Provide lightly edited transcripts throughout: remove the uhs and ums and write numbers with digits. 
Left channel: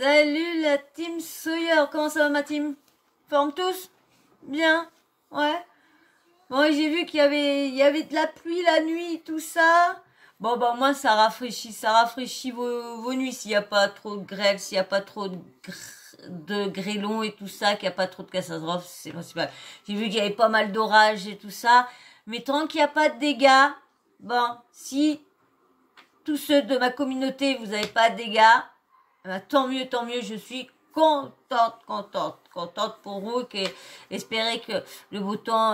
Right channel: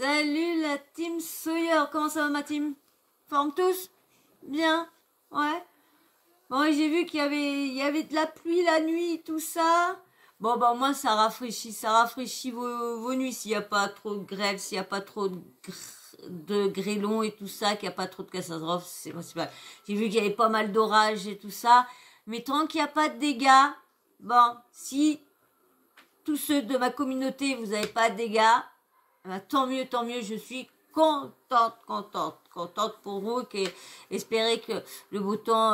Salut la team Sawyer, comment ça va ma team? Forme tous? Bien? Ouais. Bon, et j'ai vu qu'il y avait de la pluie la nuit, tout ça. Bon, bah moi ça rafraîchit vos nuits s'il n'y a pas trop de grêle, s'il n'y a pas trop de grêlons et tout ça, qu'il n'y a pas trop de catastrophes, c'est principal. J'ai vu qu'il y avait pas mal d'orages et tout ça. Mais tant qu'il n'y a pas de dégâts, bon, si tous ceux de ma communauté, vous n'avez pas de dégâts, ben, tant mieux, je suis contente pour vous, espérer que le beau temps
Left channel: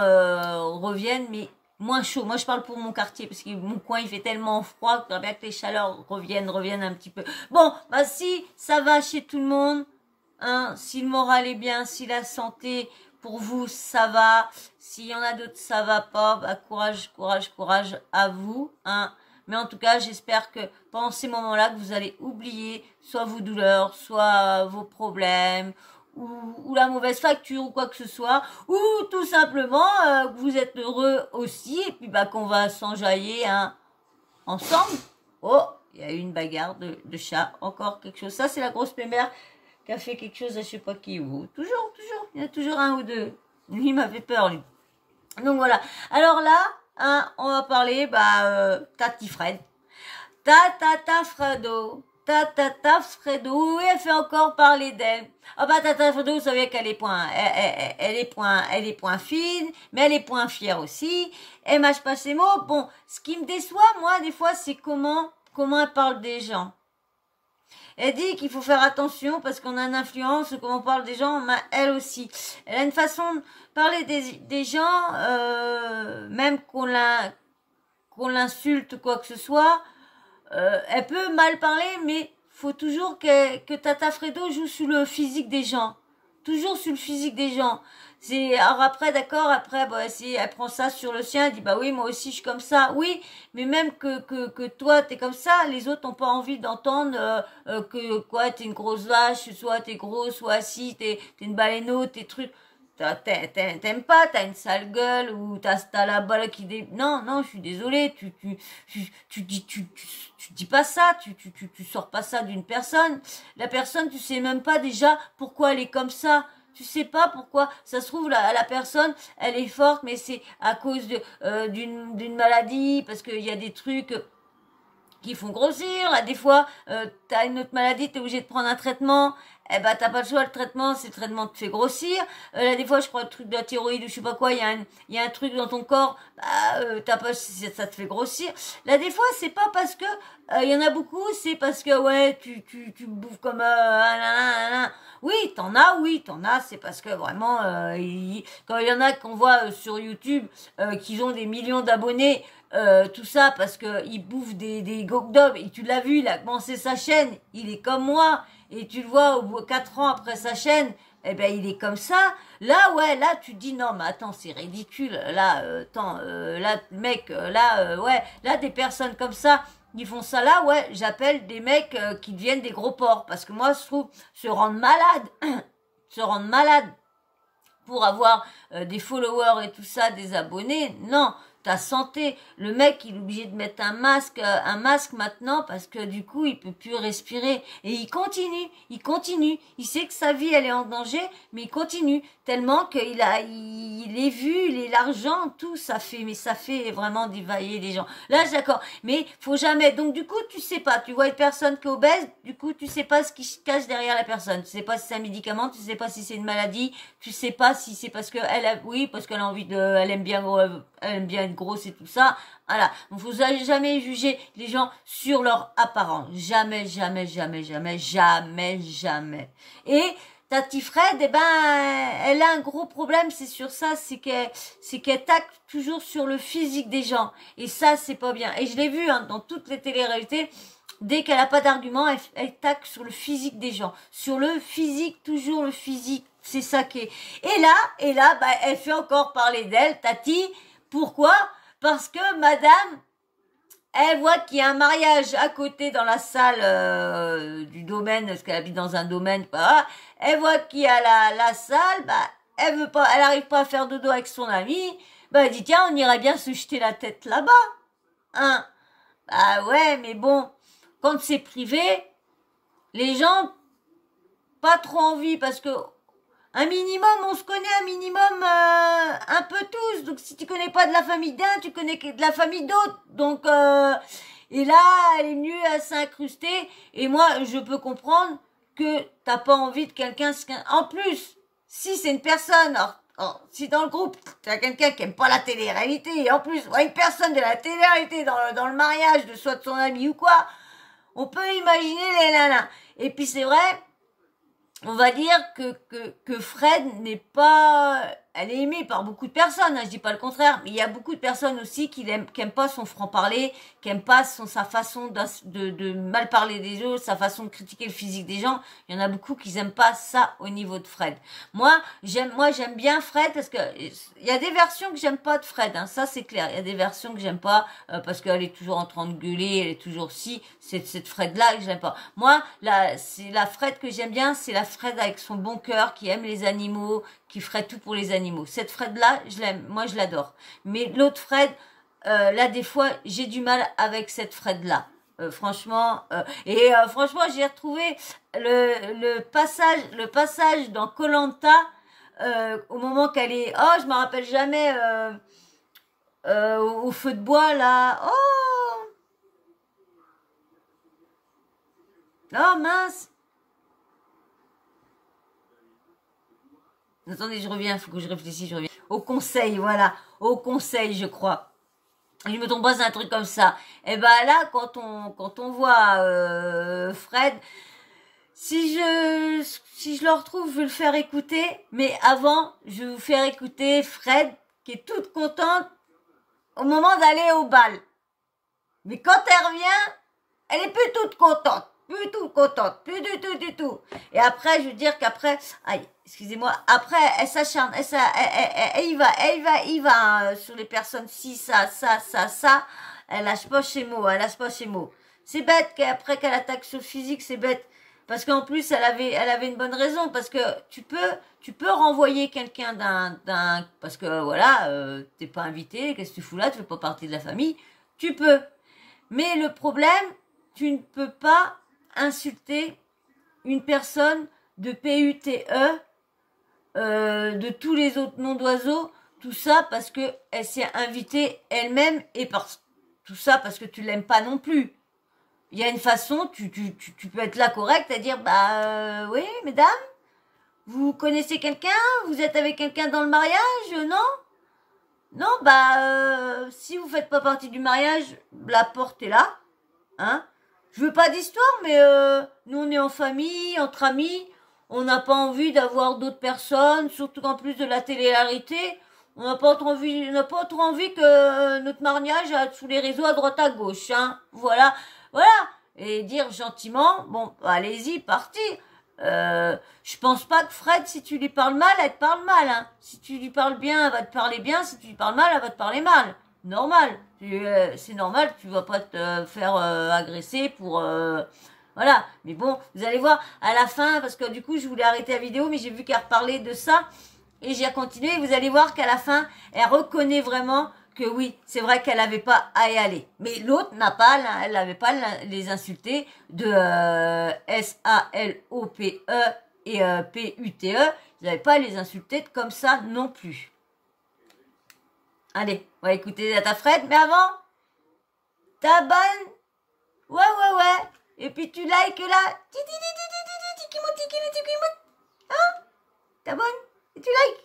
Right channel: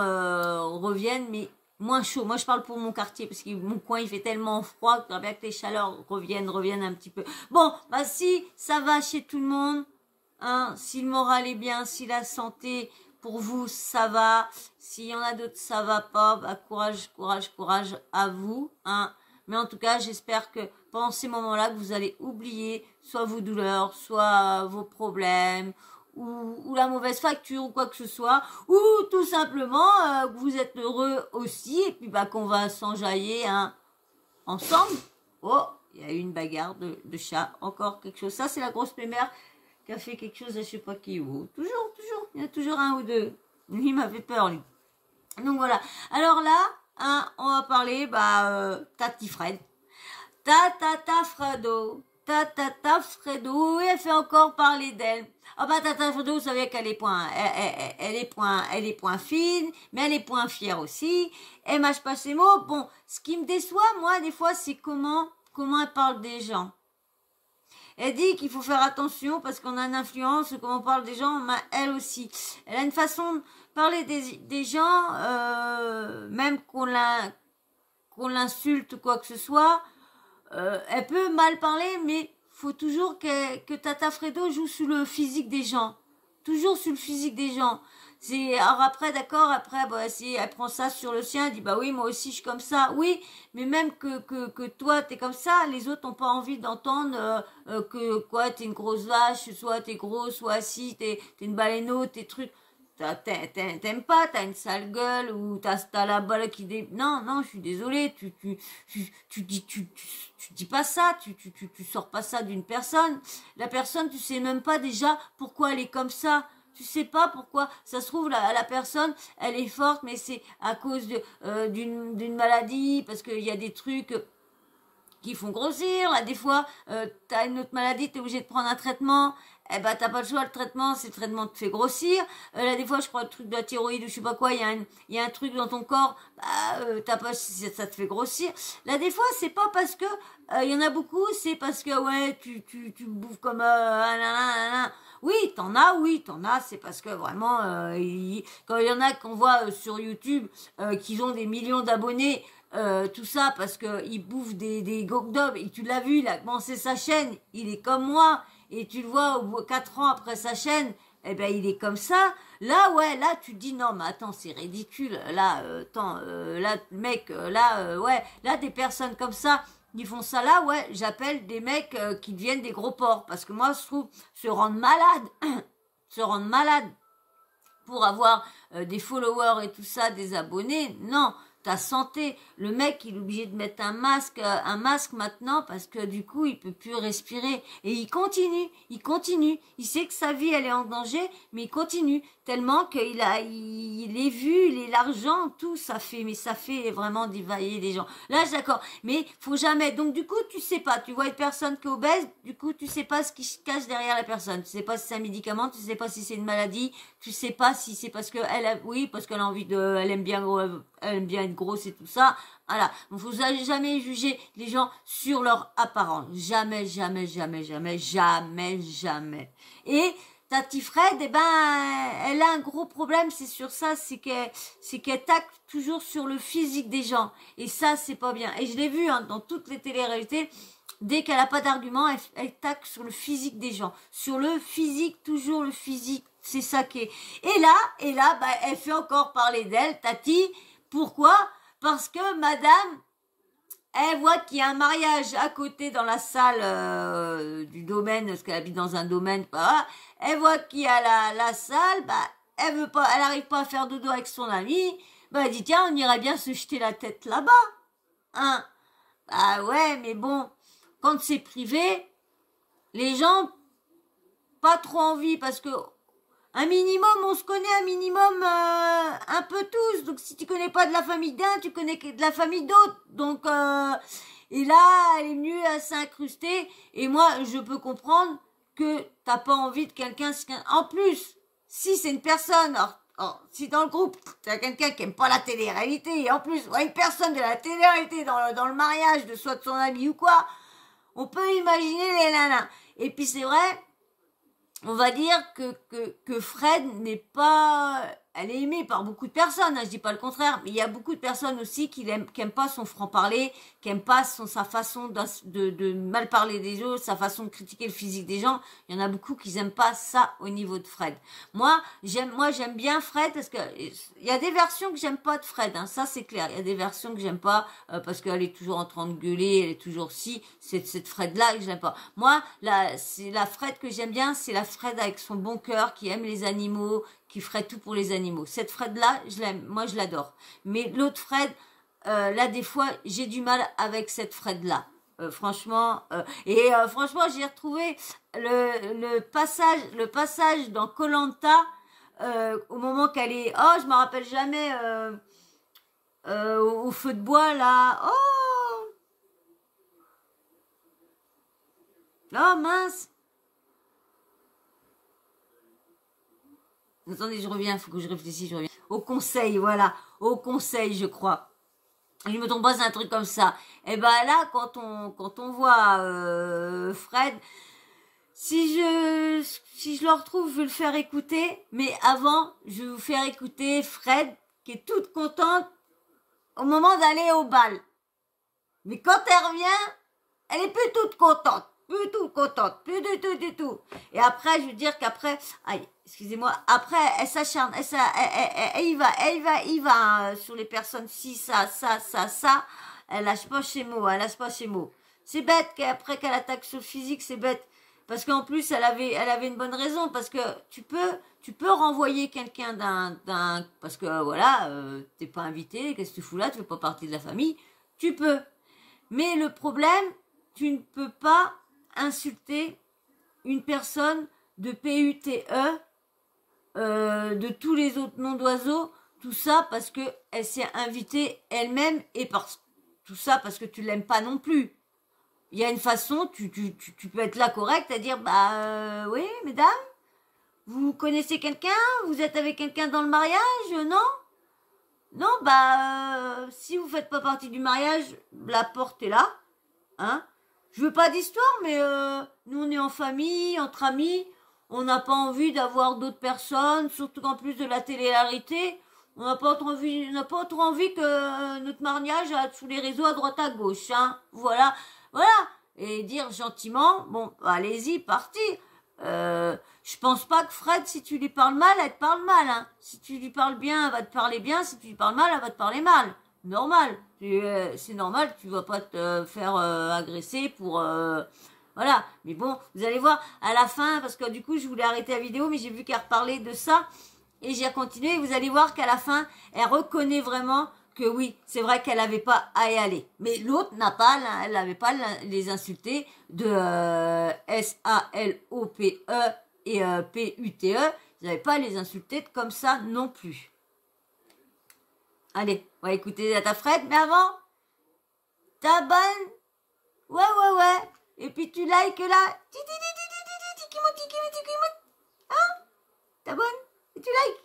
revienne, mais moins chaud. Moi, je parle pour mon quartier, parce que mon coin, il fait tellement froid, que j'aimerais bien que les chaleurs reviennent un petit peu. Bon, bah si ça va chez tout le monde, hein, si le moral est bien, si la santé pour vous, ça va, s'il y en a d'autres, ça va pas, bah courage à vous, hein. Mais en tout cas, j'espère que pendant ces moments-là, que vous allez oublier soit vos douleurs, soit vos problèmes, ou la mauvaise facture, ou quoi que ce soit, ou tout simplement que vous êtes heureux aussi, et puis bah qu'on va s'enjailler hein, ensemble. Oh, il y a eu une bagarre de chat, encore quelque chose. Ça, c'est la grosse mémère qui a fait quelque chose à je sais pas qui ou. Toujours, il y en a toujours un ou deux. Lui, il m'a fait peur, lui. Donc voilà. Alors là, hein, on va parler, Tati Fred. Fredo. Fredo. Oui, elle fait encore parler d'elle. Ah bah, Tata Fredo, vous savez qu'elle est elle est point fine, mais elle est point fière aussi. Elle mâche pas ses mots. Bon, ce qui me déçoit, moi, des fois, c'est comment elle parle des gens. Elle dit qu'il faut faire attention parce qu'on a une influence, comment on parle des gens, mais elle aussi. Elle a une façon de parler des gens, même qu'on l'insulte ou quoi que ce soit. Elle peut mal parler, mais faut toujours que Tata Fredo joue sur le physique des gens. Toujours sur le physique des gens. Alors après, d'accord, après, bah, si elle prend ça sur le sien, elle dit, bah oui, moi aussi, je suis comme ça. Oui, mais même que toi, t'es comme ça, les autres n'ont pas envie d'entendre que, quoi, t'es une grosse vache, soit t'es gros, soit si, t'es une baleineau, t'es trucs. T'aimes pas, t'as une sale gueule, ou t'as la balle qui Non, je suis désolée, tu dis pas ça, tu sors pas ça d'une personne. La personne, tu sais même pas déjà pourquoi elle est comme ça. Tu sais pas pourquoi. Ça se trouve, la personne, elle est forte, mais c'est à cause d'une maladie, parce qu'il y a des trucs qui font grossir. Là, des fois, t'as une autre maladie, t'es obligé de prendre un traitement. Eh ben, t'as pas le choix, le traitement te fait grossir. Là, des fois, je crois, le truc de la thyroïde ou je sais pas quoi, il y a un truc dans ton corps, t'as pas, ça te fait grossir. Là, des fois, c'est pas parce que, il y en a beaucoup, c'est parce que, ouais, tu bouffes comme, Oui, t'en as, c'est parce que vraiment, quand il y en a qu'on voit sur YouTube, qu'ils ont des millions d'abonnés, tout ça parce que il bouffe des gogdom et tu l'as vu, il a commencé sa chaîne, il est comme moi et tu le vois au bout de 4 ans après sa chaîne, eh ben il est comme ça. Là ouais, là tu te dis non mais attends, c'est ridicule. Là là mec ouais, là des personnes comme ça qui font ça là, ouais, j'appelle des mecs qui deviennent des gros porcs parce que moi je trouve se rendre malade se rendre malade pour avoir des followers et tout ça, des abonnés, non, ta santé. Le mec, il est obligé de mettre un masque maintenant parce que du coup, il peut plus respirer. Et il continue. Il sait que sa vie, elle est en danger, mais il continue tellement il est vu, il est l'argent, tout, ça fait vraiment dévailler les gens. Là, d'accord. Mais faut jamais. Donc, du coup, tu sais pas. Tu vois une personne qui est obèse, du coup, tu sais pas ce qui se cache derrière la personne. Tu sais pas si c'est un médicament, tu sais pas si c'est une maladie, tu sais pas si c'est parce parce qu'elle a envie elle aime bien être grosse et tout ça. Voilà. Donc, vous n'allez jamais juger les gens sur leur apparence. Jamais. Et Tati Fred, eh ben, elle a un gros problème, c'est sur ça, c'est qu'elle tacle toujours sur le physique des gens. Et ça, c'est pas bien. Et je l'ai vu, hein, dans toutes les téléréalités, dès qu'elle a pas d'argument, elle tacle sur le physique des gens. Sur le physique, toujours le physique. C'est ça qui est. Et là, elle fait encore parler d'elle, Tati. Pourquoi? Parce que madame, elle voit qu'il y a un mariage à côté dans la salle du domaine, parce qu'elle habite dans un domaine, elle voit qu'il y a la salle, elle arrive pas à faire dodo avec son ami, elle dit tiens, on irait bien se jeter la tête là-bas, hein. Bah ouais, mais bon, quand c'est privé, les gens pas trop envie parce que un minimum, on se connaît un minimum un peu tous. Donc si tu connais pas de la famille d'un, tu connais que de la famille d'autres. Donc et là, elle est venue à s'incruster. Et moi, je peux comprendre que t'as pas envie de quelqu'un. En plus, si c'est une personne, si dans le groupe t'as quelqu'un qui aime pas la télé-réalité, et en plus une personne de la télé-réalité dans le mariage de soit de son ami ou quoi, on peut imaginer les nanas. Et puis c'est vrai. On va dire que Fred n'est pas... Elle est aimée par beaucoup de personnes, hein, je dis pas le contraire, mais il y a beaucoup de personnes aussi qui aiment pas son franc-parler, qui aiment pas sa façon de mal parler des autres, sa façon de critiquer le physique des gens. Il y en a beaucoup qui aiment pas ça au niveau de Fred. Moi, j'aime bien Fred parce que il y a des versions que j'aime pas de Fred, hein, ça c'est clair. Il y a des versions que j'aime pas parce qu'elle est toujours en train de gueuler, elle est toujours cette Fred-là que j'aime pas. Moi, c'est la Fred que j'aime bien, c'est la Fred avec son bon cœur, qui aime les animaux, qui ferait tout pour les animaux. Cette Fred-là, je l'aime, moi je l'adore. Mais l'autre Fred, là des fois, j'ai du mal avec cette Fred-là. Franchement, franchement, j'ai retrouvé le passage dans Koh-Lanta au moment qu'elle est, oh, je me rappelle jamais, au feu de bois là, oh, oh mince. Attendez, je reviens, il faut que je réfléchisse, je reviens. Au conseil, voilà. Au conseil, je crois. Je me trompe pas, c'est un truc comme ça. Et ben là, quand on voit Fred, si je le retrouve, je vais le faire écouter. Mais avant, je vais vous faire écouter Fred, qui est toute contente au moment d'aller au bal. Mais quand elle revient, elle est plus toute contente. Plus toute contente. Plus du tout. Et après, je veux dire qu'après, aïe, excusez-moi, après, elle s'acharne, elle y va hein, sur les personnes, si, ça, elle lâche pas ses mots, C'est bête qu'après qu'elle attaque sur le physique, c'est bête. Parce qu'en plus, elle avait une bonne raison, parce que tu peux renvoyer quelqu'un parce que voilà, t'es pas invité, qu'est-ce que tu fous là, tu fais pas partie de la famille, tu peux. Mais le problème, tu ne peux pas insulter une personne de PUTE, de tous les autres noms d'oiseaux, tout ça parce que elle s'est invitée elle-même et tout ça parce que tu l'aimes pas non plus. Il y a une façon, tu peux être là correct à dire oui mesdames, vous connaissez quelqu'un, vous êtes avec quelqu'un dans le mariage, non si vous faites pas partie du mariage, la porte est là, hein. Je veux pas d'histoire, mais nous on est en famille, entre amis. On n'a pas envie d'avoir d'autres personnes, surtout qu'en plus de la télé-réalité, on n'a pas trop envie que notre mariage sous les réseaux à droite à gauche, hein. Voilà. Et dire gentiment, bon, allez-y, parti. Je pense pas que Fred, si tu lui parles mal, elle te parle mal, hein. Si tu lui parles bien, elle va te parler bien. Si tu lui parles mal, elle va te parler mal. Normal. C'est normal, tu vas pas te faire agresser pour... Voilà, mais bon, vous allez voir à la fin, parce que du coup, je voulais arrêter la vidéo, mais j'ai vu qu'elle reparlait de ça, et j'ai continué, vous allez voir qu'à la fin, elle reconnaît vraiment que oui, c'est vrai qu'elle n'avait pas à y aller. Mais l'autre elle n'avait pas les insultés de S-A-L-O-P-E et P-U-T-E, ils n'avaient pas à les insulter comme ça non plus. Allez, on va écouter ta Fred, mais avant, t'abonnes, ouais, et puis tu likes là, hein, t'abonnes et tu likes,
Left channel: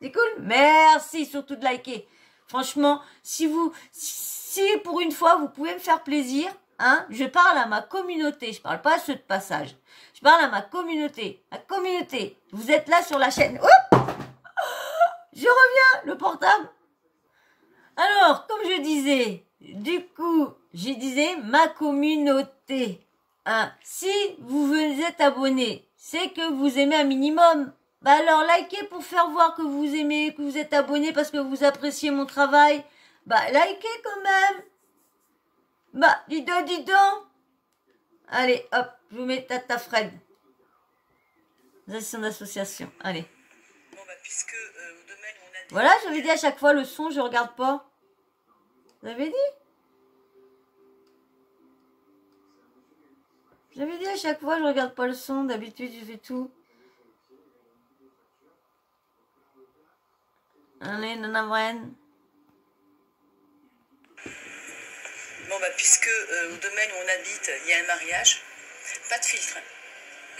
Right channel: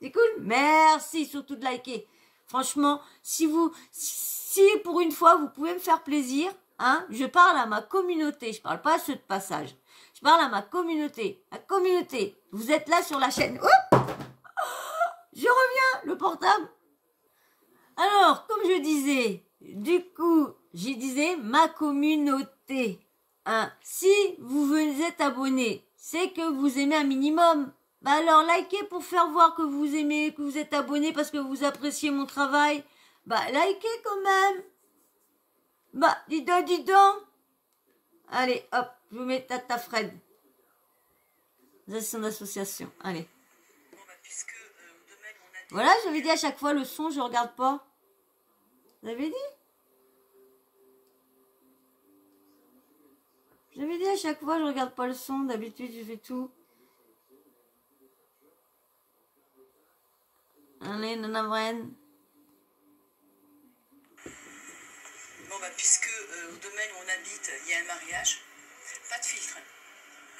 c'est cool, merci surtout de liker, franchement, si pour une fois vous pouvez me faire plaisir, hein, je parle à ma communauté, je parle pas à ceux de passage, je parle à ma communauté, vous êtes là sur la chaîne, hop, je reviens, le portable. Alors, comme je disais, du coup, je disais ma communauté. Hein, si vous êtes abonné, c'est que vous aimez un minimum. Bah alors, likez pour faire voir que vous aimez, que vous êtes abonné parce que vous appréciez mon travail. Bah, likez quand même. Bah, dis donc. Allez, hop, je vous mets Tata Fred. Ça, c'est son association. Allez. Bon, bah, puisque... Voilà, j'avais dit à chaque fois le son, je regarde pas. Vous avez dit? J'avais dit à chaque fois, je regarde pas le son. D'habitude, je fais tout. Allez, Nana Vren. Bon, bah, puisque au domaine où on habite, il y a un mariage, pas de filtre.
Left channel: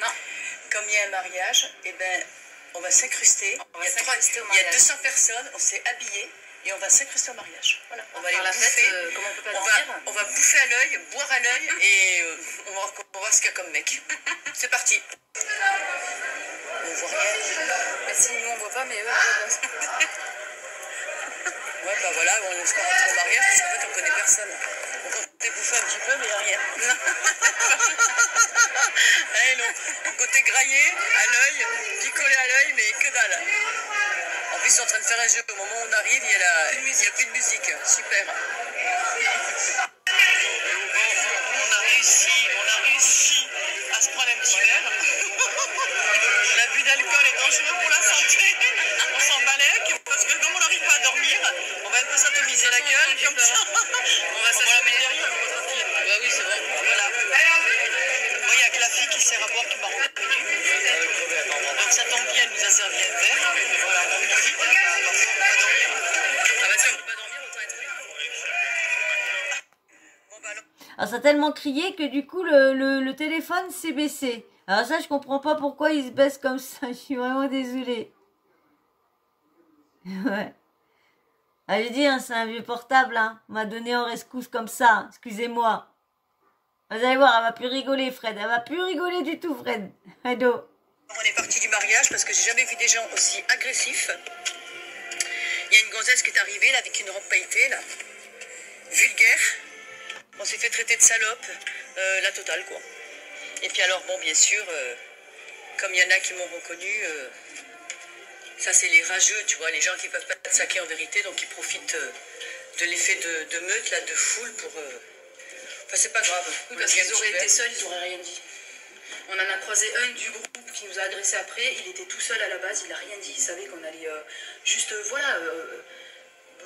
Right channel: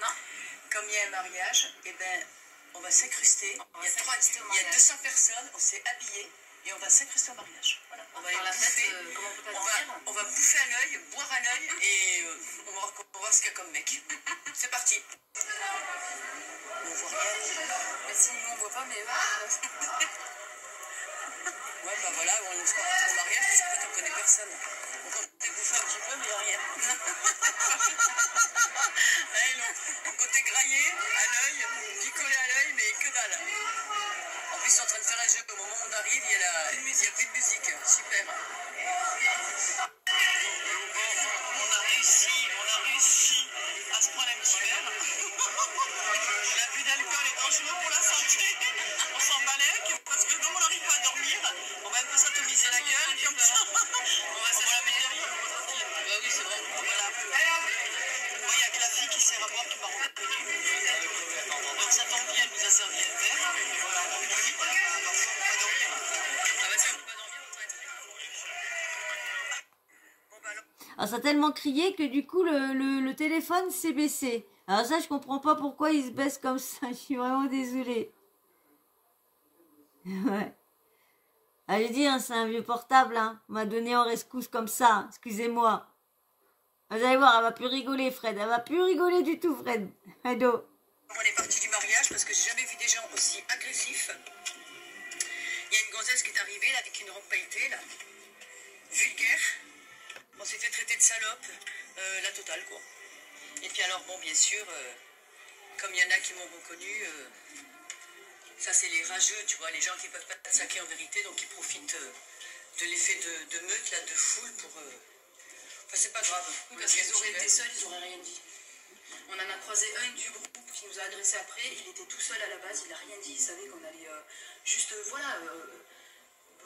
Non. Comme il y a un mariage, eh ben, on va s'incruster. Il y a 200 personnes, on s'est habillés et on va s'incruster au mariage. Voilà. On va aller la bouffer. fête, comment on peut pas dormir on va bouffer à l'œil, boire à l'œil et on va voir ce qu'il y a comme mec. C'est parti. On voit rien. Bah, si nous on voit pas, mais eux. Ouais, bah voilà, on se retourne au mariage parce qu'en fait on connaît personne. On comptait bouffer un petit peu, mais il n'y a rien. Allez, non. Côté graillé, à l'œil, picolé à l'œil, mais que dalle. En plus, ils sont en train de faire un jeu. Au moment où on arrive, il n'y a plus de musique. Super. On a réussi à se prendre un petit verre. L'abus d'alcool est dangereux pour la santé. On s'en balèque parce que comme on n'arrive pas à dormir, on va un peu s'atomiser la gueule comme ça. On va s'acheter derrière. Bah oui, c'est bon. Voilà. Moi, il y a que la fille qui sert à boire qui m'a reconnu. Donc ça tombe bien, elle nous a servi un verre. Voilà, on profite. Ah bah si on ne peut pas dormir, autant être là. Bon bah alors. Alors, ça a tellement crié que du coup, le téléphone s'est baissé. Alors ça, je comprends pas pourquoi il se baisse comme ça. Je suis vraiment désolée. Ouais. Ah, j'ai dit, hein, c'est un vieux portable. Hein. On m'a donné en rescousse comme ça. Excusez-moi. Vous allez voir, elle va plus rigoler, Fred. Elle va plus rigoler du tout, Fred. Ado. On est parti du mariage parce que j'ai jamais vu des gens aussi agressifs. Il y a une gonzesse qui est arrivée là, avec une robe pailletée, là. Vulgaire. On s'est fait traiter de salope, la totale, quoi. Et puis alors, bon, bien sûr, comme il y en a qui m'ont reconnu, ça c'est les rageux, tu vois, les gens qui peuvent pas te saquer en vérité, donc ils profitent de l'effet de meute, là, de foule pour... Enfin, c'est pas grave. Oui, parce qu'ils auraient été seuls, ils n'auraient rien dit. On en a croisé un du groupe qui nous a agressé après. Il était tout seul à la base, il n'a rien dit. Il savait qu'on allait juste,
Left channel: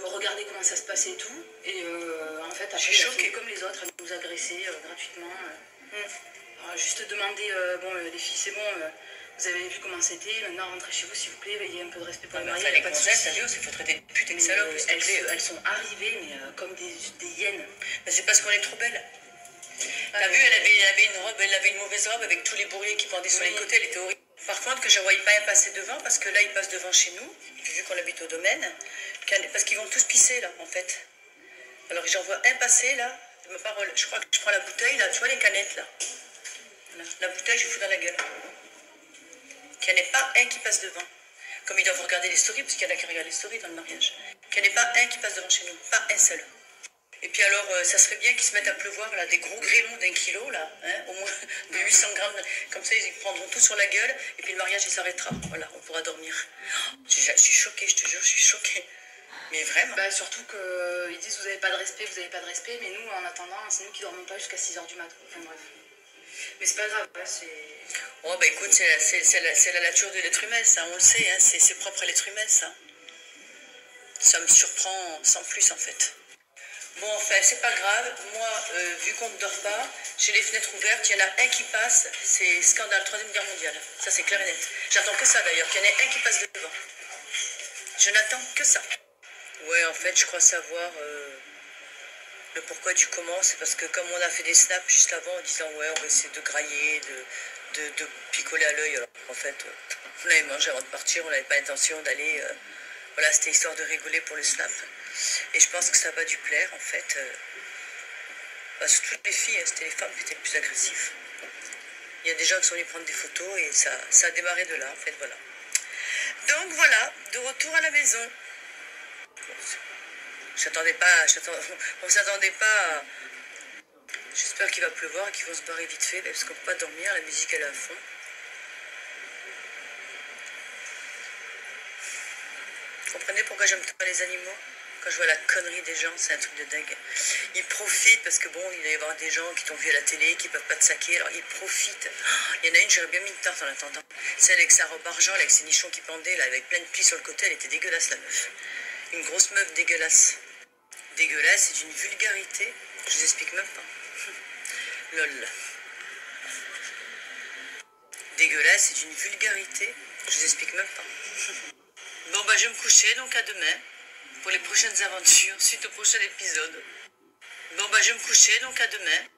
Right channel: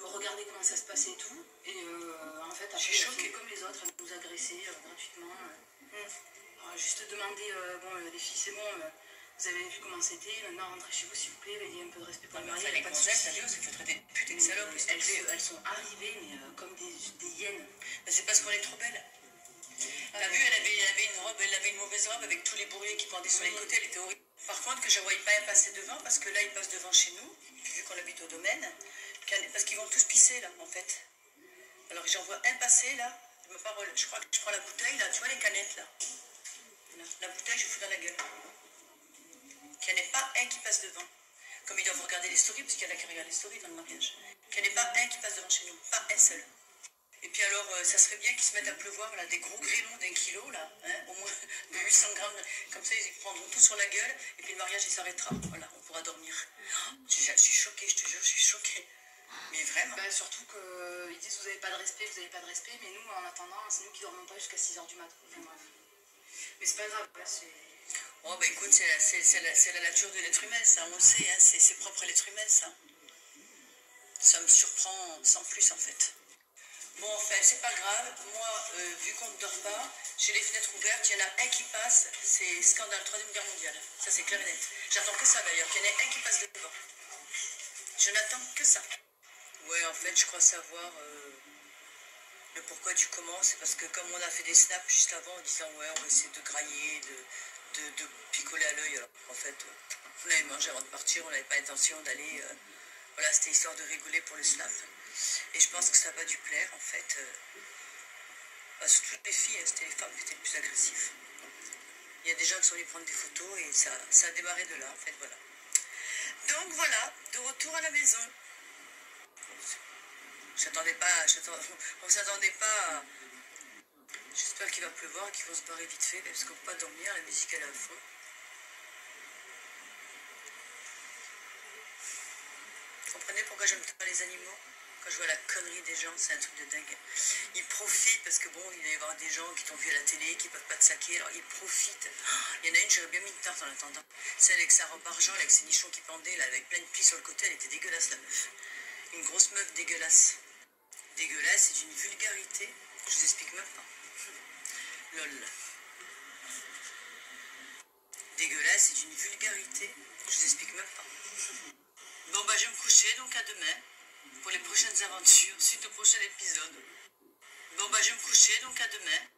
regarder comment ça se passait et tout. Et en fait, après, il a fait comme les autres, à nous agresser gratuitement. Alors, juste demander, les filles, c'est bon, vous avez vu comment c'était. Maintenant, rentrez chez vous, s'il vous plaît, ayez un peu de respect pour le mariage. Les gonzesses, il faut traiter de pute et de salope. Elles sont arrivées, mais comme des hyènes. C'est parce qu'on est trop belle. T'as vu, elle avait une mauvaise robe avec tous les bourreliers qui pendaient sur les côtés, elle était horrible. Par contre, que je ne voyais pas un passer devant, parce que là, ils passent devant chez nous, vu qu'on habite au domaine, parce qu'ils vont tous pisser, là, en fait. Alors, j'en vois un passer, là, de ma parole. Je crois que je prends la bouteille, là, tu vois les canettes, là. Voilà. La bouteille, je fous dans la gueule. Qu'il n'y en ait pas un qui passe devant. Comme ils doivent regarder les stories, parce qu'il y en a qui regardent les stories dans le mariage. Qu'il n'y en ait pas un qui passe devant chez nous, pas un seul. Et puis alors, ça serait bien qu'ils se mettent à pleuvoir, là, des gros grêlons d'1 kilo, là, hein, au moins de 800 grammes. Comme ça, ils prendront tout sur la gueule, et puis le mariage, il s'arrêtera. Voilà, on pourra dormir. Je suis choquée, je te jure, je suis choquée. Mais vraiment. Bah, surtout qu'ils disent, vous n'avez pas de respect, vous n'avez pas de respect, mais nous, en attendant, c'est nous qui dormons pas jusqu'à 6h du matin. Enfin, bref. Mais c'est pas grave, là, c'est... Oh, bah écoute, c'est la nature de l'être humain, ça, on le sait, hein, c'est propre à l'être humain, ça. Ça me surprend sans plus, en fait. Bon, enfin, c'est pas grave. Moi, vu qu'on ne dort pas, j'ai les fenêtres ouvertes. Il y en a un qui passe. C'est scandale, 3e guerre mondiale. Ça, c'est clair et net. J'attends que ça, d'ailleurs. Qu'il y en ait un qui passe devant. Je n'attends que ça. Ouais, en fait, je crois savoir le pourquoi du comment. C'est parce que comme on a fait des snaps juste avant en disant, ouais, on va essayer de grailler, de picoler à l'œil. Alors, en fait, on avait mangé avant de partir. On n'avait pas l'intention d'aller... voilà, c'était histoire de rigoler pour le snap. Et je pense que ça va dû plaire, en fait. Surtout les filles, hein, c'était les femmes qui étaient les plus agressives. Il y a des gens qui sont venus prendre des photos et ça a démarré de là, en fait, voilà. Donc voilà, de retour à la maison. On s'attendait pas à... J'espère qu'il va pleuvoir et qu'ils vont se barrer vite fait, parce qu'on ne peut pas dormir, la musique elle est à fond. Vous comprenez pourquoi j'aime pas les animaux? Quand je vois la connerie des gens, c'est un truc de dingue. Ils profitent parce que bon, il va y avoir des gens qui t'ont vu à la télé, qui peuvent pas te saquer, alors ils profitent. Il y en a une, j'aurais bien mis une tarte en attendant. Celle avec sa robe argent, avec ses nichons qui pendaient, là, avec plein de plis sur le côté, elle était dégueulasse, la meuf. Une grosse meuf dégueulasse. Dégueulasse, c'est d'une vulgarité, je vous explique même pas. Lol. dégueulasse, c'est d'une vulgarité. Je vous explique même pas. Bon, bah, je vais me coucher, donc à demain. Pour les prochaines aventures, suite au prochain épisode. Bon, bah, je vais me coucher, donc à demain.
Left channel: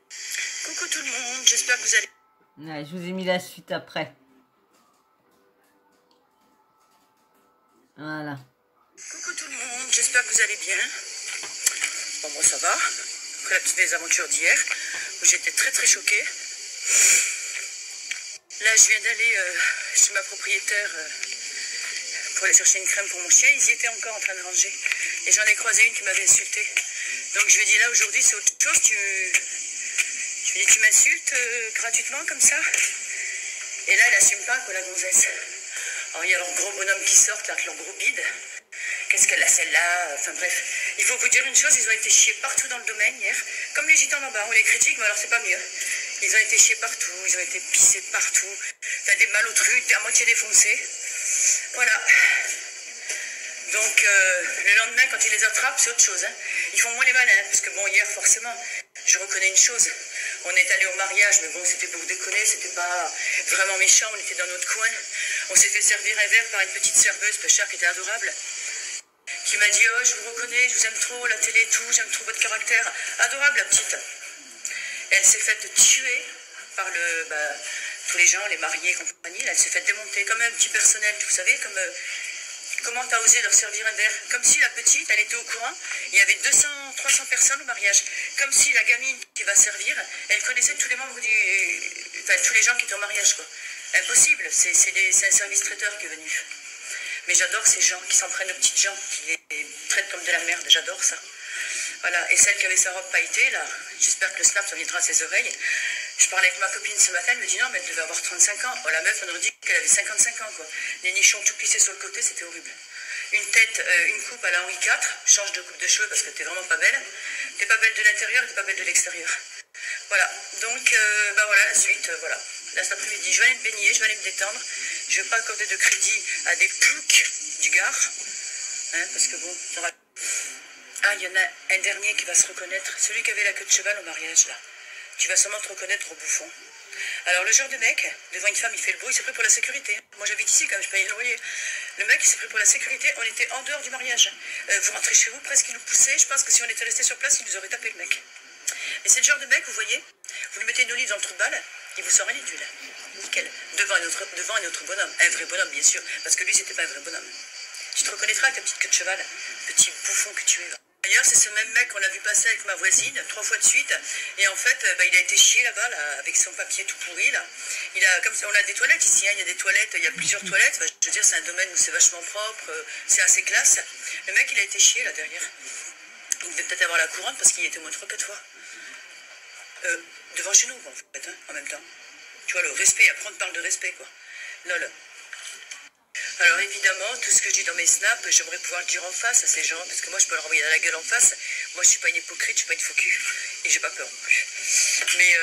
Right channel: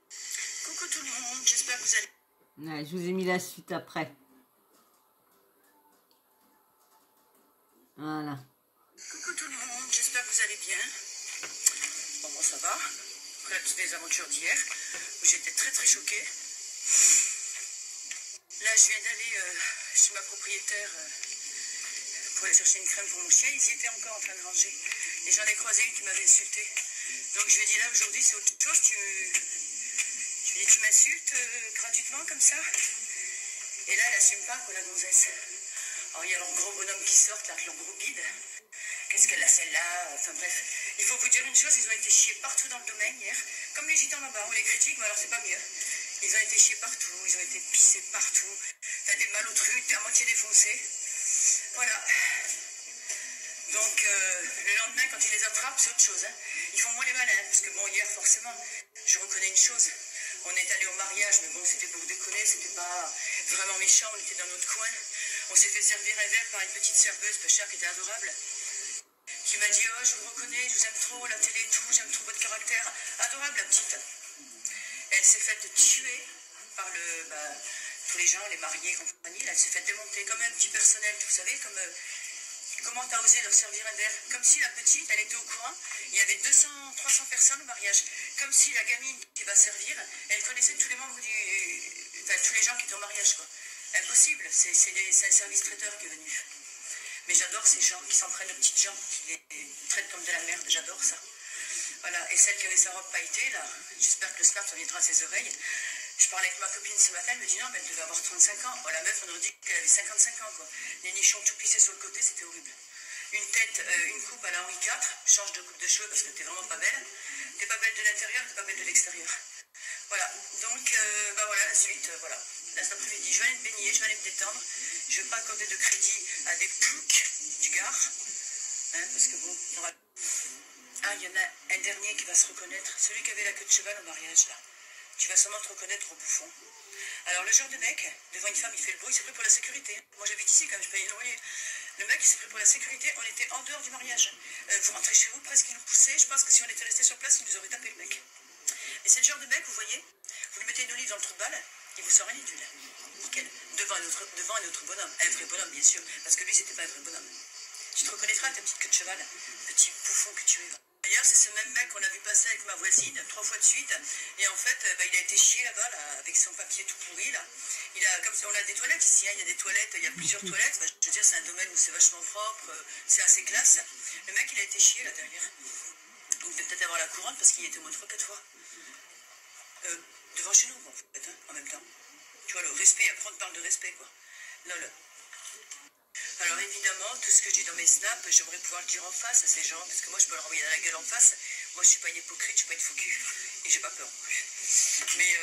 Coucou tout le monde, j'espère que vous allez... Ouais, je vous ai mis la suite après. Voilà. Coucou tout le monde, j'espère que vous allez bien. Bon, moi ça va. Après la petite mésaventure d'hier, où j'étais très très choquée. Là, je viens d'aller chez ma propriétaire pour aller chercher une crème pour mon chien. Ils y étaient encore en train de ranger. Et j'en ai croisé une qui m'avait insulté. Donc je lui ai dit là, aujourd'hui, c'est autre chose. Je lui ai dit, tu m'insultes gratuitement comme ça? Et là, elle assume pas, quoi, la gonzesse. Alors, il y a leur gros bonhomme qui sort, là, avec leur gros bide. Qu'est-ce qu'elle a, celle-là? Enfin, bref. Il faut vous dire une chose, ils ont été chiés partout dans le domaine hier. Comme les gitans d'en bas, on les critique, mais alors c'est pas mieux. Ils ont été chiés partout, ils ont été pissés partout. T'as des malotrus, à moitié défoncés. Voilà. Donc, le lendemain, quand ils les attrapent, c'est autre chose. Hein. Ils font moins les malins, parce que bon, hier, forcément, je reconnais une chose. On est allé au mariage, mais bon, c'était pour déconner, c'était pas vraiment méchant, on était dans notre coin. On s'est fait servir un verre par une petite serveuse, Péchard, qui était adorable, qui m'a dit, oh, je vous reconnais, je vous aime trop, la télé et tout, j'aime trop votre caractère. Adorable, la petite. Et elle s'est faite tuer par tous les gens, les mariés et compagnie. Là, elle s'est faite démonter comme un petit personnel, vous savez, comme... Comment t'as osé leur servir un verre? Comme si la petite, elle était au courant. Il y avait 200, 300 personnes au mariage. Comme si la gamine qui va servir, elle connaissait tous les membres enfin, tous les gens qui étaient au mariage, quoi. Impossible. C'est un service traiteur qui est venu. Mais j'adore ces gens qui s'en prennent aux petites gens, qui les traitent comme de la merde. J'adore ça. Voilà. Et celle qui avait sa robe pailletée, là, j'espère que le snap, ça viendra à ses oreilles. Je parlais avec ma copine ce matin, elle me dit non, mais elle devait avoir 35 ans. Oh, la meuf, on aurait dit qu'elle avait 55 ans, quoi. Les nichons tout plissés sur le côté, c'était horrible. Une tête, une coupe à la Henri IV, change de coupe de cheveux parce que t'es vraiment pas belle. T'es pas belle de l'intérieur et t'es pas belle de l'extérieur. Voilà, donc, voilà, la suite, voilà. Là, cet après-midi, je vais aller me baigner, je vais aller me détendre. Je vais pas accorder de crédit à des ploucs du Gard, hein, parce que bon, ça va... Ah, il y en a un dernier qui va se reconnaître, celui qui avait la queue de cheval au mariage, là. Tu vas sûrement te reconnaître au bouffon. Alors, le genre de mec, devant une femme, il fait le bruit, il s'est pris pour la sécurité. Moi, j'habite ici quand même, je paye le loyer. Le mec, il s'est pris pour la sécurité, on était en dehors du mariage. Vous rentrez chez vous, presque il nous poussait. Je pense que si on était resté sur place, il nous aurait tapé le mec. Et c'est le genre de mec, vous voyez, vous lui mettez une olive dans le trou de balle, il vous sort un édule. Nickel. Devant un autre bonhomme. Un vrai bonhomme, bien sûr, parce que lui, c'était pas un vrai bonhomme. Tu te reconnaîtras avec ta petite queue de cheval, petit bouffon que tu es. D'ailleurs, c'est ce même mec qu'on a vu passer avec ma voisine 3 fois de suite. Et en fait, il a été chié là-bas, là, avec son papier tout pourri. Là. On a des toilettes ici, hein, il y a des toilettes, il y a plusieurs toilettes. Enfin, je veux dire, c'est un domaine où c'est vachement propre, c'est assez classe. Le mec, il a été chié là derrière. Il devait peut-être avoir la couronne parce qu'il y était au moins 3-4 fois. Devant chez nous, en fait, hein, en même temps. Tu vois, le respect, après on te parle de respect, quoi. Lol. Alors évidemment, tout ce que je dis dans mes snaps, j'aimerais pouvoir le dire en face à ces gens, parce que moi je peux leur envoyer à la gueule en face. Moi je suis pas une hypocrite, je suis pas une faux cul, et j'ai pas peur non plus. Mais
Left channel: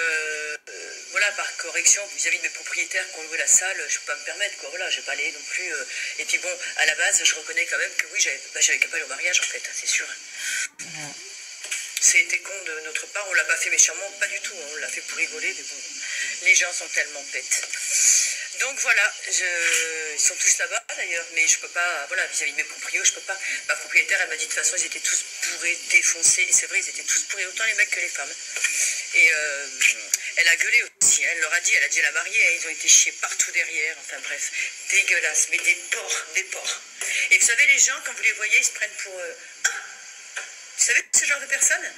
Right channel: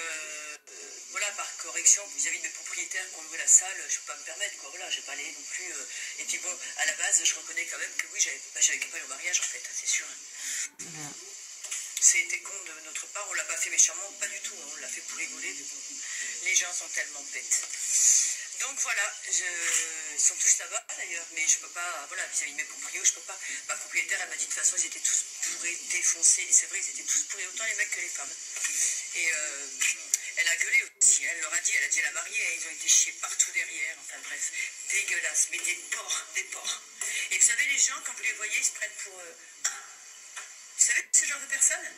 voilà, par correction vis-à-vis de mes propriétaires qui ont loué la salle, je peux pas me permettre, quoi. Voilà, je vais pas aller non plus. Et puis bon, à la base, je reconnais quand même que oui, j'avais qu'à pas aller au mariage en fait, hein, c'est sûr. C'était con de notre part, on l'a pas fait méchamment, pas du tout, on l'a fait pour rigoler, mais bon, les gens sont tellement bêtes. Donc voilà, ils sont tous là-bas d'ailleurs, mais je peux pas, voilà, vis-à-vis de mes proprios, je peux pas. Ma propriétaire, elle m'a dit de toute façon, ils étaient tous bourrés, défoncés, et c'est vrai, ils étaient tous bourrés, autant les mecs que les femmes. Et elle a gueulé aussi, hein, elle leur a dit, à la mariée, hein, ils ont été chiés partout derrière, enfin bref, dégueulasse, mais des porcs, des porcs. Et vous savez, les gens, quand vous les voyez, ils se prennent pour... Vous savez, ce genre de personnes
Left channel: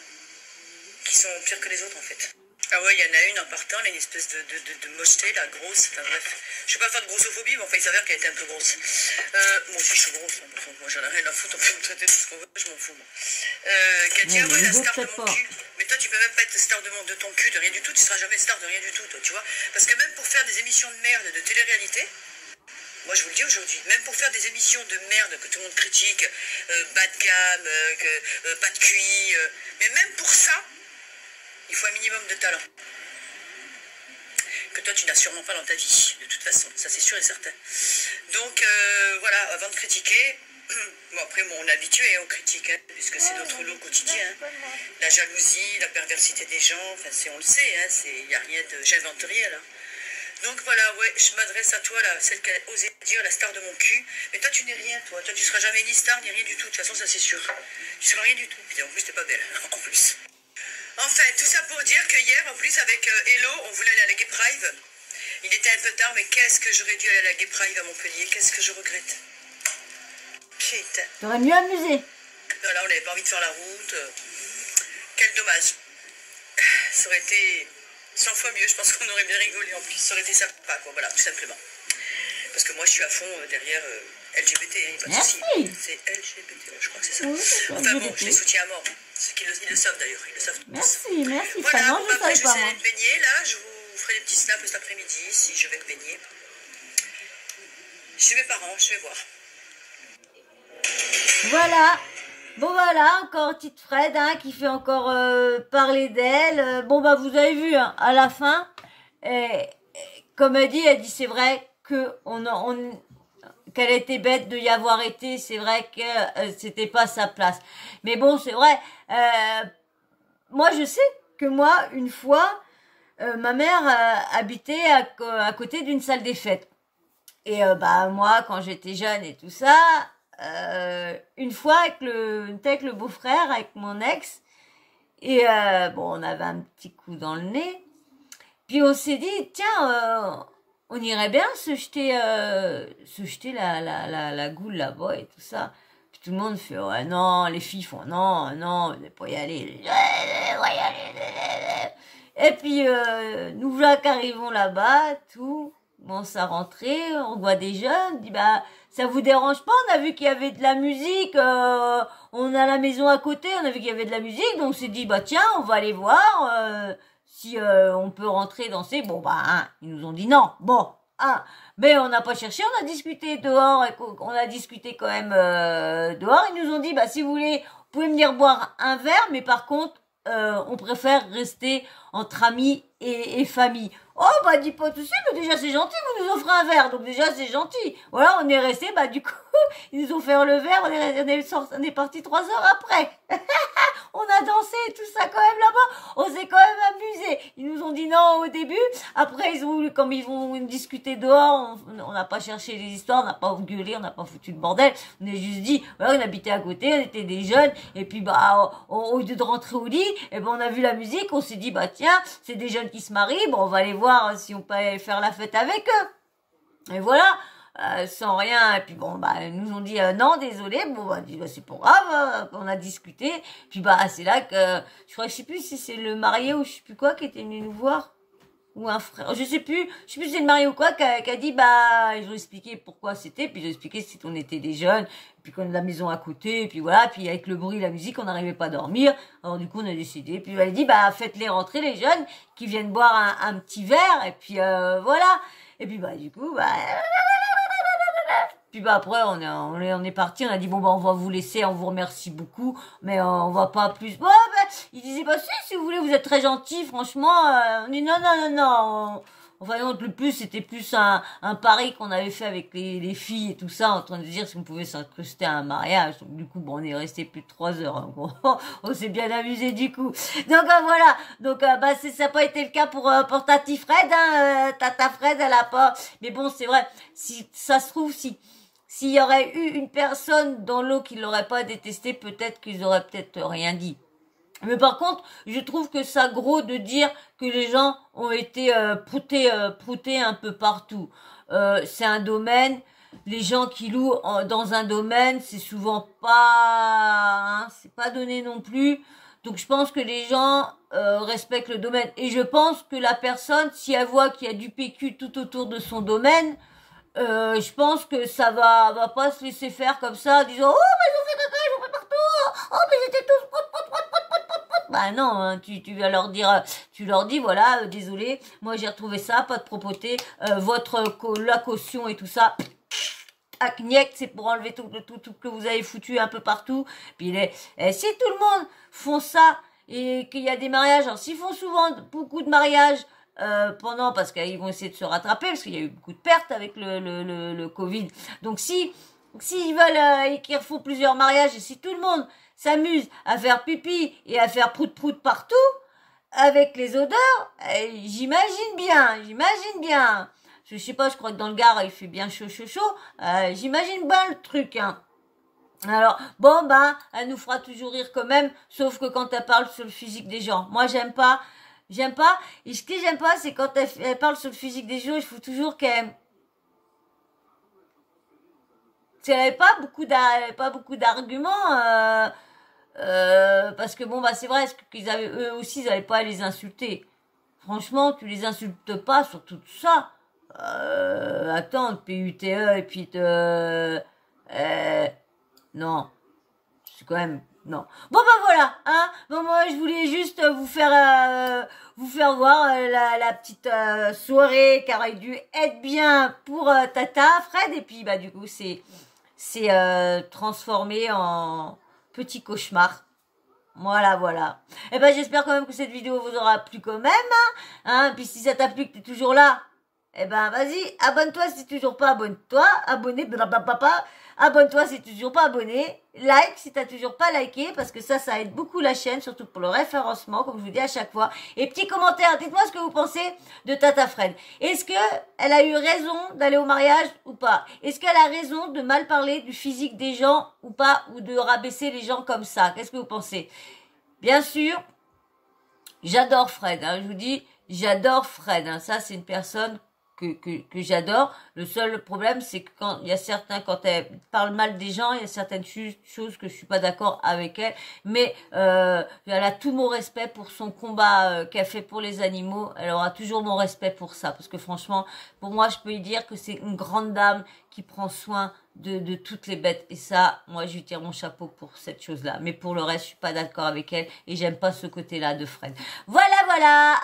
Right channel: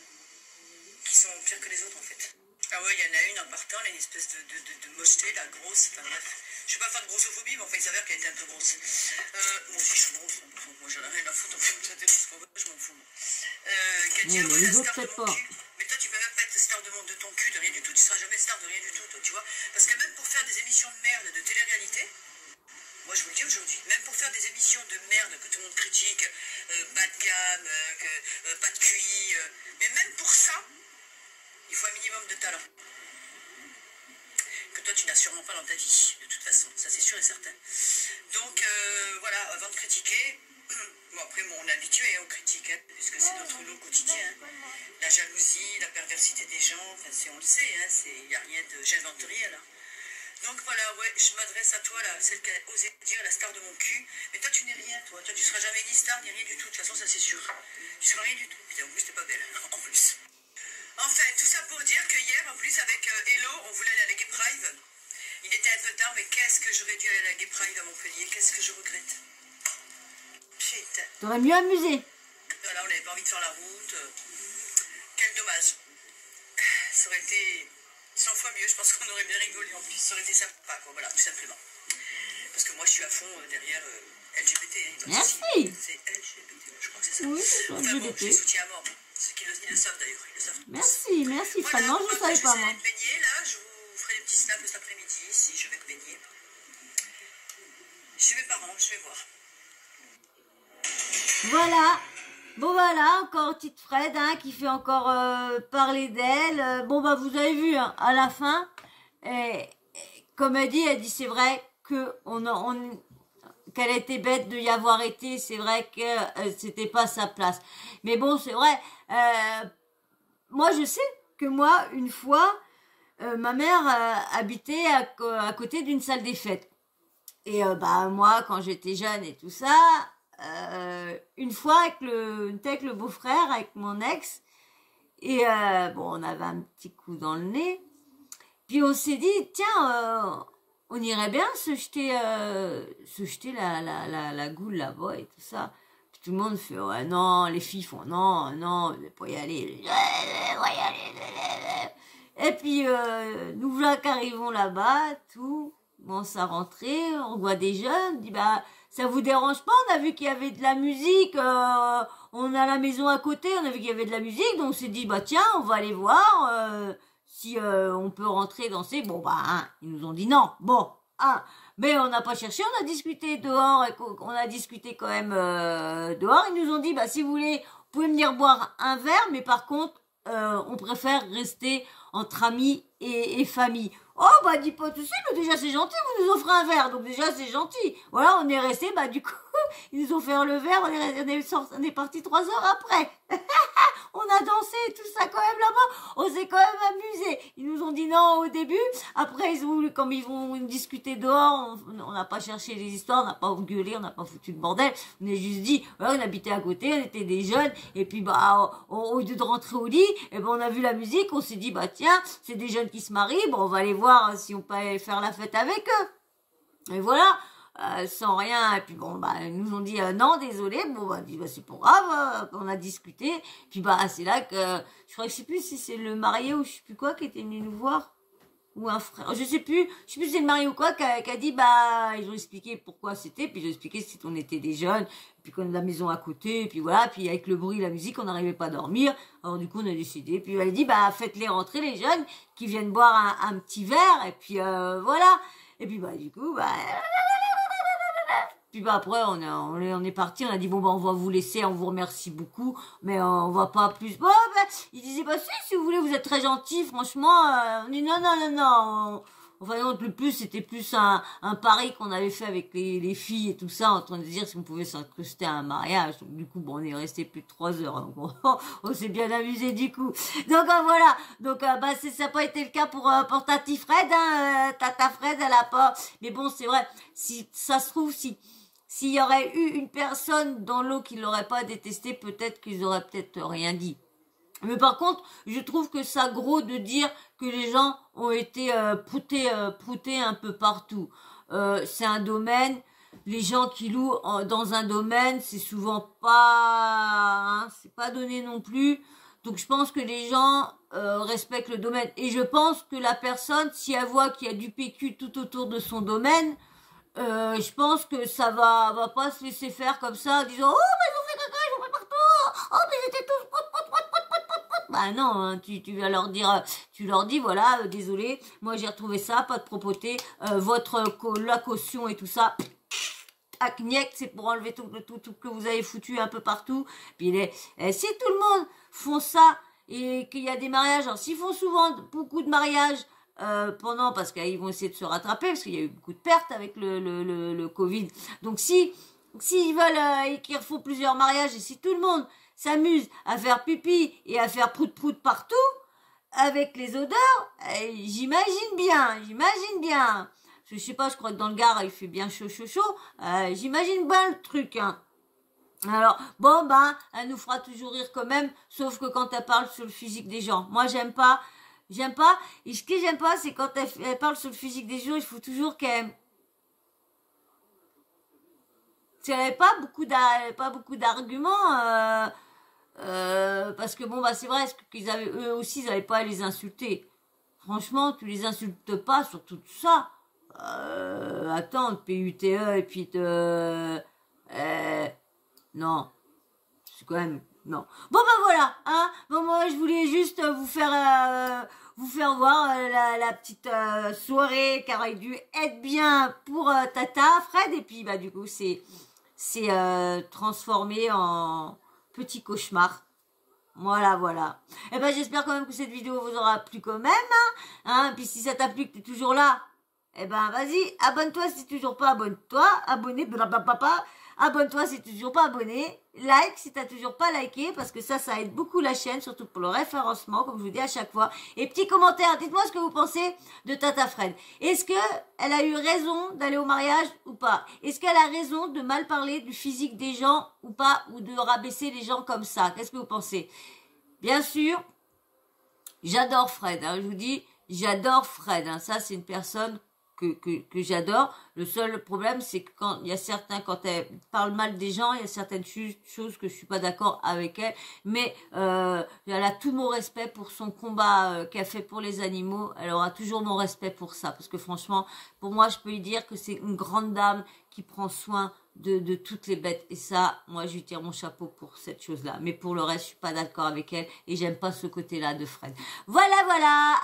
qui sont pires que les autres en fait. Ah ouais, il y en a une en partant, là, une espèce de mocheté, là, grosse, enfin bref. Je vais pas faire de grossophobie, mais enfin il s'avère qu'elle était un peu grosse. Moi aussi je suis grosse, moi j'en ai rien à foutre, on peut me traiter de ce qu'on veut, je m'en fous moi. Qui a dit, ouais, la star de mon cul. Mais toi tu peux même pas être star de ton cul, de rien du tout, tu seras jamais star de rien du tout, toi, tu vois. Parce que même pour faire des émissions de merde, de télé-réalité, moi je vous le dis aujourd'hui, même pour faire des émissions de merde que tout le monde critique, bas de gamme, pas de QI, mais même pour ça, il faut un minimum de talent. Que toi tu n'as sûrement pas dans ta vie, de toute façon, ça c'est sûr et certain. Donc voilà, avant de critiquer, bon après on est habitué aux critiques, hein, puisque c'est notre lot quotidien. Hein. La jalousie, la perversité des gens, enfin on le sait, il n'y a rien de... J'invente rien là. Donc voilà, ouais, je m'adresse à toi, là, celle qui a osé dire la star de mon cul. Mais toi, tu n'es rien, toi. Toi, tu seras jamais ni star, ni rien du tout. De toute façon, ça, c'est sûr. Tu seras rien du tout. Et en plus, t'es pas belle, en plus. Enfin, tout ça pour dire que hier, en plus, avec Hello, on voulait aller à la Gay Pride. Il était un peu tard, mais qu'est-ce que j'aurais dû aller à la Gay Pride à Montpellier. Qu'est-ce que je regrette. Putain. T'aurais mieux amusé. Voilà, on n'avait pas envie de faire la route. Quel dommage. Ça aurait été 100 fois mieux, je pense qu'on aurait bien rigolé en plus. Ça aurait été sympa, quoi, voilà, tout simplement. Parce que moi, je suis à fond derrière LGBT, hein, pas de souci. Merci. C'est LGBT, je crois que c'est ça. Oui, c'est Enfin bon, je les LGBT. soutiens à mort. Ceux qui ils le savent d'ailleurs, ils le savent. Merci, Fred. Voilà, Non, bon, je ne après, savais pas, je vais moi. aller me baigner, là. Je vous ferai des petits snaps cet après-midi, si je vais me baigner. Je suis mes parents, je vais voir. Voilà. Bon, voilà, encore petite Fred, hein, qui fait encore parler d'elle. Bon, bah, vous avez vu, hein, à la fin, comme elle dit, c'est vrai que qu'elle était bête de y avoir été, c'est vrai que c'était pas sa place. Mais bon, c'est vrai, moi, je sais que moi, une fois, ma mère habitait à côté d'une salle des fêtes. Et bah moi, quand j'étais jeune et tout ça, une fois avec le beau-frère, avec mon ex, et bon, on avait un petit coup dans le nez. Puis on s'est dit, tiens, on irait bien se jeter la goule là-bas et tout ça. Puis tout le monde fait, ouais, non, les filles font, non, non, vous n'allez pas y aller. Et puis, nous voilà qu'arrivons là-bas, tout. Bon, ça rentrait, on voit des jeunes, on dit, bah, ça vous dérange pas, on a vu qu'il y avait de la musique, on a la maison à côté, on a vu qu'il y avait de la musique, donc on s'est dit, bah tiens, on va aller voir si on peut rentrer danser. Bon, bah, hein, ils nous ont dit non, bon, hein, mais on n'a pas cherché, on a discuté dehors, on a discuté quand même dehors, ils nous ont dit, bah si vous voulez, vous pouvez venir boire un verre, mais par contre, on préfère rester entre amis et famille. Oh, bah, dis pas tout de suite, mais déjà, c'est gentil, vous nous offrez un verre, donc déjà, c'est gentil. Voilà, on est resté, bah, du coup, ils nous ont fait le verre, on est parti 3 heures après. On a dansé et tout ça quand même là-bas, on s'est quand même amusé. Ils nous ont dit non au début, après, comme ils vont discuter dehors, on n'a pas cherché les histoires, on n'a pas gueulé, on n'a pas foutu de bordel, on a juste dit, voilà, on habitait à côté, on était des jeunes, et puis, bah, au lieu de rentrer au lit, et ben, on a vu la musique, on s'est dit, bah, tiens, c'est des jeunes qui se marient, bon, on va aller voir si on peut aller faire la fête avec eux. Et voilà, sans rien. Et puis bon, bah, ils nous ont dit non, désolé. Bon, bah, dit, bah, c'est pas grave. On a discuté. Puis bah, c'est là que je crois, je sais plus si c'est le marié ou je sais plus quoi qui était venu nous voir. Ou un frère, je sais plus si c'est le mari ou quoi, qui a dit, bah, ils ont expliqué pourquoi c'était, puis ils ont expliqué si on était des jeunes, puis qu'on a la maison à côté, puis voilà, puis avec le bruit, la musique, on n'arrivait pas à dormir, alors du coup, on a décidé, puis elle a dit, bah, faites-les rentrer, les jeunes, qui viennent boire un petit verre, et puis, voilà, et puis, bah, du coup, bah, puis bah après on est parti, on a dit bon bah on va vous laisser, on vous remercie beaucoup, mais on va pas plus. Bon bah il disait bah si vous voulez, vous êtes très gentil, franchement. On dit non. Enfin non, le plus c'était plus un pari qu'on avait fait avec les filles et tout ça, en train de dire si on pouvait s'incruster à un mariage. Donc du coup bon on est resté plus de 3 heures. Hein. On s'est bien amusé du coup. Donc voilà. Donc bah ça n'a pas été le cas pour Tati Fred. Hein. Tata Fred elle a pas. Mais bon c'est vrai. Si ça se trouve s'il y aurait eu une personne dans l'eau qui l'aurait pas détesté, peut-être qu'ils auraient peut-être rien dit. Mais par contre, je trouve que ça gros de dire que les gens ont été proutés un peu partout. C'est un domaine, les gens qui louent dans un domaine, c'est souvent pas, hein, c'est pas donné non plus. Donc je pense que les gens respectent le domaine. Et je pense que la personne, si elle voit qu'il y a du PQ tout autour de son domaine, je pense que ça va pas se laisser faire comme ça en disant oh mais ils ont fait caca, ils ont fait partout, oh mais ils étaient tous bah non, hein, tu vas leur dire, tu leur dis voilà, désolé, moi j'ai retrouvé ça, pas de propreté, la caution et tout ça. Acniec, c'est pour enlever tout que vous avez foutu un peu partout. Puis si tout le monde font ça et qu'il y a des mariages, alors s'ils font souvent beaucoup de mariages parce qu'ils vont essayer de se rattraper parce qu'il y a eu beaucoup de pertes avec le Covid. Donc s'ils veulent et qu'ils refont plusieurs mariages et si tout le monde s'amuse à faire pipi et à faire prout-prout partout, avec les odeurs, j'imagine bien. Je sais pas, je crois que dans le Gard, il fait bien chaud. J'imagine bien le truc, hein. Alors, bon, ben, elle nous fera toujours rire quand même, sauf que quand elle parle sur le physique des gens. Moi, j'aime pas. Et ce que j'aime pas, c'est quand elle parle sur le physique des gens, il faut toujours qu'elle... Elle n'avait pas beaucoup d'arguments, parce que bon, bah, c'est vrai, eux aussi, ils n'avaient pas à les insulter. Franchement, tu les insultes pas sur tout ça. Attends, PUTE et puis non, c'est quand même non. Bon ben voilà, hein. Bon moi je voulais juste vous faire voir la petite soirée qui aurait dû être bien pour Tata Fred et puis bah du coup c'est transformé en petit cauchemar. Voilà. Et ben j'espère quand même que cette vidéo vous aura plu quand même, hein. Puis si ça t'a plu que t'es toujours là, eh ben vas-y, abonne-toi si t'es toujours pas abonne-toi, abonne-toi si t'es toujours pas abonné, like si t'as toujours pas liké, parce que ça aide beaucoup la chaîne, surtout pour le référencement, comme je vous dis à chaque fois. Et petit commentaire, dites-moi ce que vous pensez de Tata Fred. Est-ce que elle a eu raison d'aller au mariage ou pas? Est-ce qu'elle a raison de mal parler du physique des gens ou pas, ou de rabaisser les gens comme ça? Qu'est-ce que vous pensez? Bien sûr, j'adore Fred, hein, je vous dis, j'adore Fred, hein, ça c'est une personne que j'adore. Le seul problème, c'est que quand elle parle mal des gens, il y a certaines choses que je suis pas d'accord avec elle, mais elle a tout mon respect pour son combat qu'elle fait pour les animaux. Elle aura toujours mon respect pour ça, parce que franchement, pour moi, je peux lui dire que c'est une grande dame qui prend soin de toutes les bêtes, et ça, moi, je lui tire mon chapeau pour cette chose-là. Mais pour le reste, je suis pas d'accord avec elle, et j'aime pas ce côté-là de Fred. Voilà.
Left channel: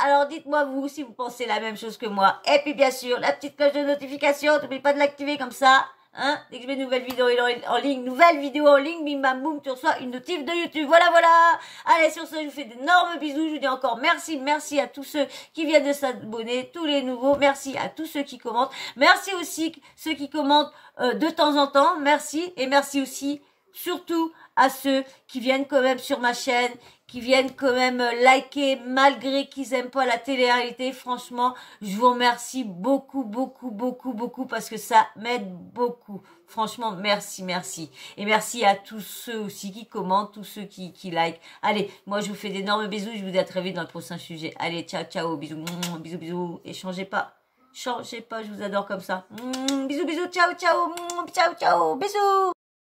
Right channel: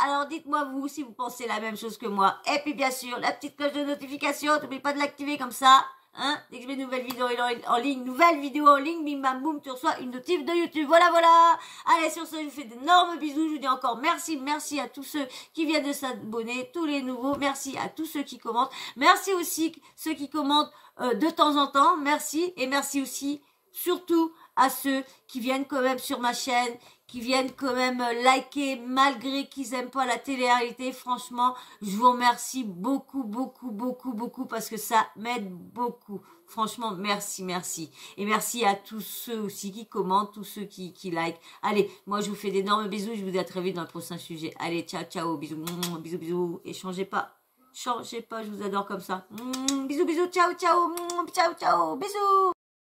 Alors, dites-moi vous si vous pensez la même chose que moi. Et puis, bien sûr, la petite cloche de notification, n'oubliez pas de l'activer comme ça. Hein, dès que je mets une nouvelle vidéo en ligne, bim bam boum, tu reçois une notif de YouTube. Voilà. Allez, sur ce, je vous fais d'énormes bisous. Je vous dis encore merci à tous ceux qui viennent de s'abonner, tous les nouveaux. Merci à tous ceux qui commentent. Merci aussi ceux qui commentent de temps en temps. Merci. Et merci aussi, surtout, à ceux qui viennent quand même sur ma chaîne, qui viennent quand même liker malgré qu'ils aiment pas la télé-réalité. Franchement, je vous remercie beaucoup parce que ça m'aide beaucoup. Franchement, merci. Et merci à tous ceux aussi qui commentent, tous ceux qui like. Allez, moi je vous fais d'énormes bisous. Je vous dis à très vite dans le prochain sujet. Allez, ciao, bisous. Et changez pas, je vous adore comme ça. Bisous, ciao, bisous.